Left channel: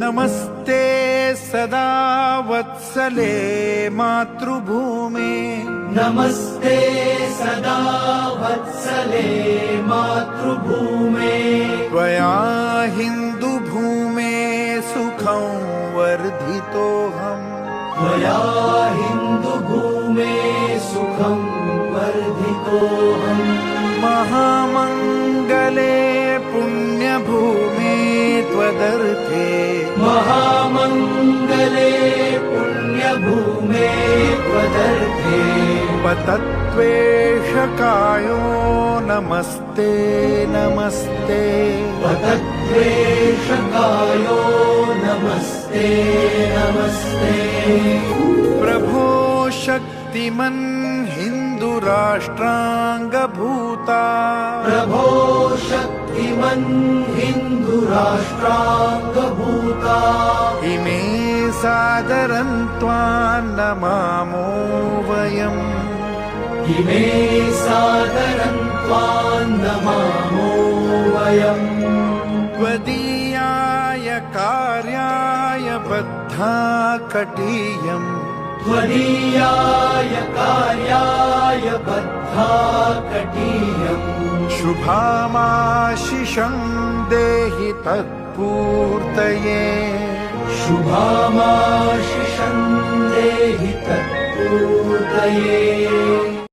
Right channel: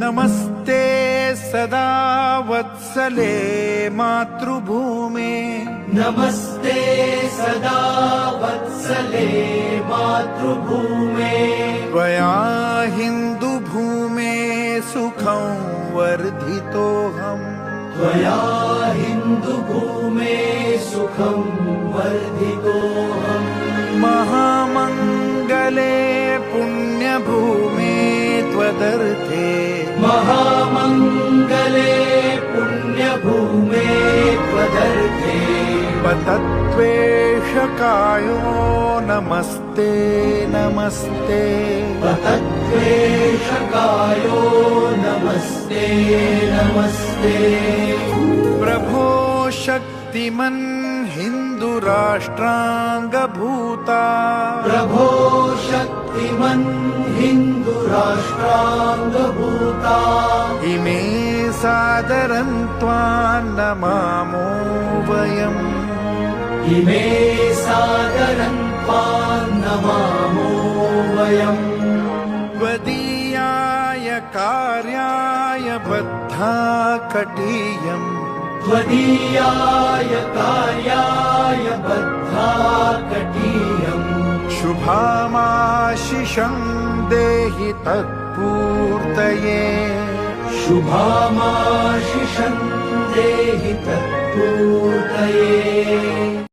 नमस्ते सदा वत्सले मातृभूमे नमस्ते सदा वत्सले मातृभूमे त्वया हिन्दुभूमे सुखं वर्धितोऽहम् त्वया हिन्दुभूमे सुखं वर्धितोऽहम् महामङ्गले पुण्यभूमे त्वदर्थे महामङ्गले पुण्यभूमे त्वदर्थे पतत्वेषकायो नमस्ते नमस्ते पतत्वेषकायो नमस्ते नमस्ते प्रभो शक्तिमन् हिन्दुराष्ट्राङ्गभूता प्रभो शक्तिमन् हिन्दुराष्ट्राङ्गभूता इमे सादरं त्वां नमामो वयम् इमे सादरं त्वां नमामो वयम् त्वदीयाय कार्याय बद्धा कटीयम् त्वदीयाय कार्याय बद्धा कटीयम् शुभामाशिषं देहि तत्पूर्तये शुभामाशिषं देहि तत्पूर्तये